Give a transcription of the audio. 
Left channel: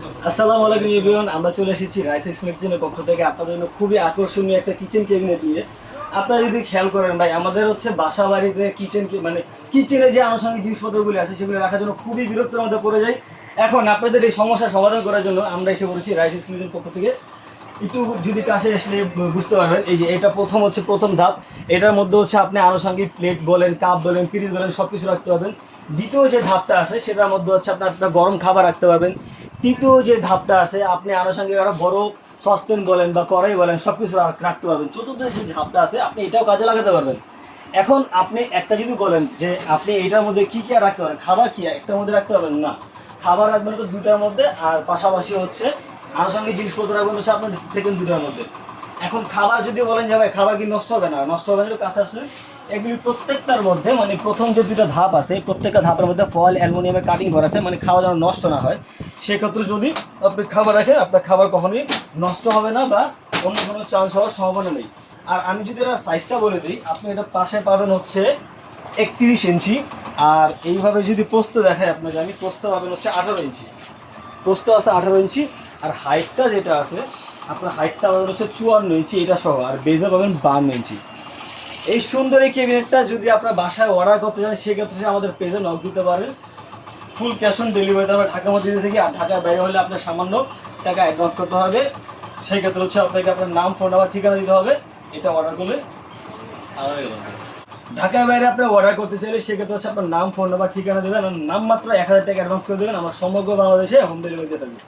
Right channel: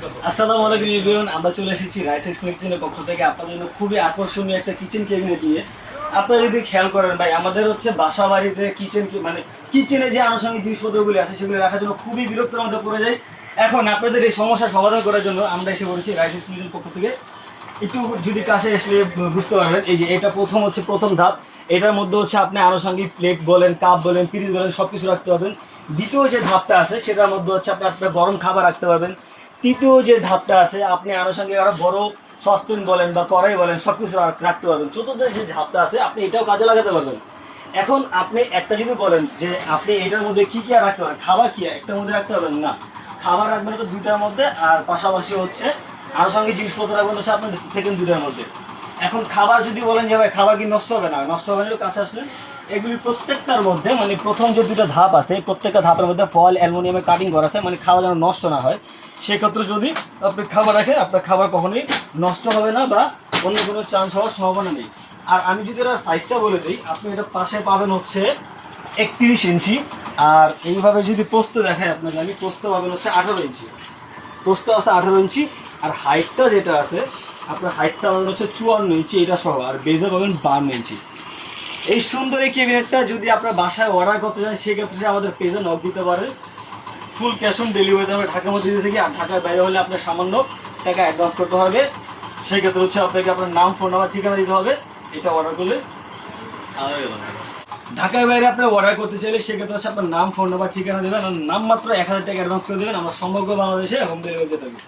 আসসালামু আলাইকুম এভরিওয়ান, আমরা চলে এসেছি রাইস কিচেনের পক্ষ থেকে আপনাদের জন্য খুবই আকর্ষণীয় একটা কিচেন ক্যাবিনেট নিয়ে। আপনারা যদি খেয়াল করেন ভাই, আমাদের হচ্ছে বাসা বাড়িতে মানে কিচেনে যে আনুষঙ্গিক জিনিসপত্রগুলি আছে সেগুলো রাখার জন্য খুবই বিরক্তের মধ্যে পড়ে যায়। এখন আপনাদের এই সমস্যা সমাধান করার জন্য আমরা এসে পড়েছি রাইস কিচেনের পক্ষ থেকে। একটু যদি কাছে আসলে বুঝতে পারবেন, এই যে এটা প্রথম ধাপ। এটার মধ্যে হচ্ছে আপনি আনুষঙ্গিক প্লেট বলেন, কাপ বলেন, পিরিচ বলেন, সব কিছু রাখতে পারবেন। দ্বিতীয় যে ধাপটা আছে সেটার মধ্যে হচ্ছে আপনার গরম খাবার রাখতে পারবেন। তৃতীয় যে ধাপটা আছে আপনি আনুষঙ্গিক আরও বড় সসপ্যান বলেন বা কড়াই বলেন সব কিছু রাখতে পারবেন। চতুর্থ যে ধাপটা আছে আপনি এটাও কাজে লাগাতে পারবেন। এখন আপনি একটা যদি বলেন যে আপনি এটার মধ্যে কী কী রাখতে পারেন, খাবার কী একটার মধ্যে রাখতে পারবেন না, খাবার রাখবেন তো দুইটার মধ্যে, আর পাশাপাশি হচ্ছে আনুষঙ্গিক জিনিসপত্র রাখবেন হচ্ছে আপনার সেকেন্ড দুইটার মধ্যে। এখন খাবার যদি বলেন যে ভাই খাবার কি নষ্ট হবে না, নষ্ট হবে না, একটু কাছে আসলেন। এগুলি প্রত্যেকটার মধ্যে মানে প্রথম যে দুটো ধাপ আছে প্রত্যেকটা ধাপের মধ্যে ফয়েল অ্যালুমিনিয়ামের কাটিং করা আছে, মানে খাবার যেন নষ্ট না হয়। সেক্ষেত্রে যদি আপনি খাবার রাখেন আপনার খাবার কখনোই নষ্ট হবে না বা অন্য কোনো চান্স হওয়ার সম্ভাবনা নেই। আর আমি যদি এটার সাইজটা বলে দিই, আপনি এটা পাশে পাবেন হচ্ছে 31 ইঞ্চি। আর এইভাবে যদি প্রস্থ দেখায় আপনাকে, আমি প্রস্থ পাবেন হচ্ছে 18 ইঞ্চি। প্রস্থ আছে 18 ইঞ্চি। আর হাইটটা যেটা আছে আপনার হাইটটা পাবেন হচ্ছে 54 ইঞ্চি এটা সহ, আর বেজে পাবেন 52 ইঞ্চি। এই সুন্দর এই ক্যাবিনেটটা যদি আপনার বাসায় অর্ডার করতে চান সেক্ষেত্রে আমাদের পেজে নক দিতে পারেন। ফুল ক্যাশ অন ডেলিভারিতে আমরা ঢাকার মধ্যে দিয়ে থাকি। আর ঢাকার বাইরে হলে আপনার সামান্য টাকা অ্যাডভান্স করতে হবে। সেক্ষেত্রে হচ্ছে আপনাকে আপনার নাম, ফোন নাম্বার, ঠিকানা দিতে হবে এটা অর্ডার করলে। ঢাকার বাইরে আপনি অর্ডার করতে চাইলে সেক্ষেত্রে হচ্ছে আপনার নাম, ফোন নাম্বার, ঠিকানা দেবেন আর নাম মাত্র 1000 টাকা অ্যাডভান্স করে দেবেন। আমরা সমগ্র বাংলাদেশে হোম ডেলিভারি দিয়ে থাকি।